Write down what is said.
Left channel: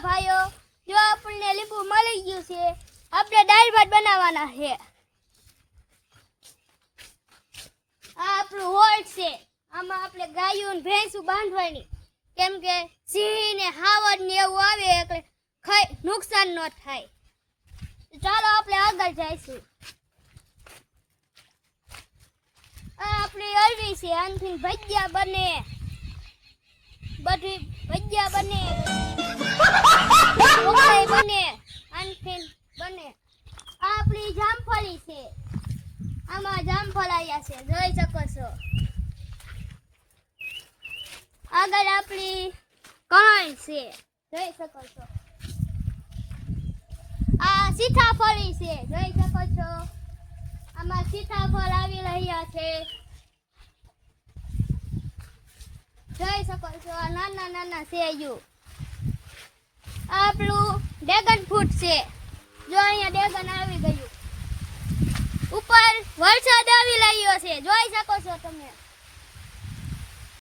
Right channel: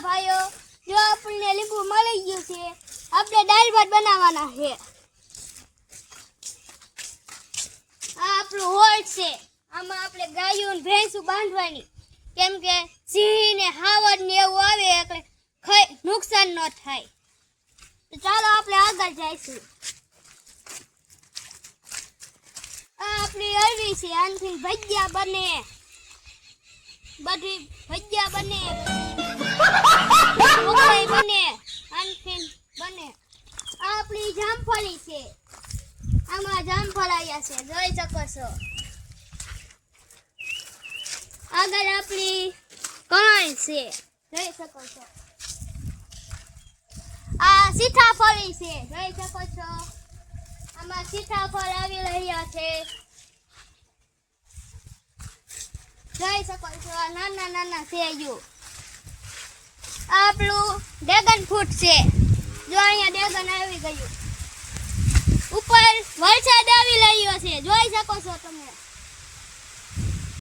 ભાઈઓ, જો આપણને લીંબુ મળી ગયું છે, આપણે દાળ ભાત બનાવવાના છે. આ આપણું હોળ છે. આમાં આપણે ગાયો ને ભેંસું બાંધવાની. કેમ કે સિંહ ને હાવડ ને એવું આવે એટલે ખાઈ નુકસાન ન થાય. ચાલો આપણે આગળ જઈશું. આ આપણી અરવી છે, આનથી ભજીયા બને. બધી ભજીયા બને. આ આપણી જામફળી છે. આમાં જામફળ આવ્યા છે. જોઈ શકો છો. આગળ આપણી કણાઈ છે. જોઈ શકો છો. આ સીતાફળી છે. જોઈ શકો છો. આમાં સીતાફળ આવી રહ્યા છે. જોઈ શકો છો. આ નાના નાના સેયુ. આ આપણું ડ્રેગન ફ્રૂટ છે. અહીંયા ડ્રેગન આવી ગયું. ઉપર વરસાદ આવી રહ્યો છે. જોઈ શકો છો તમે.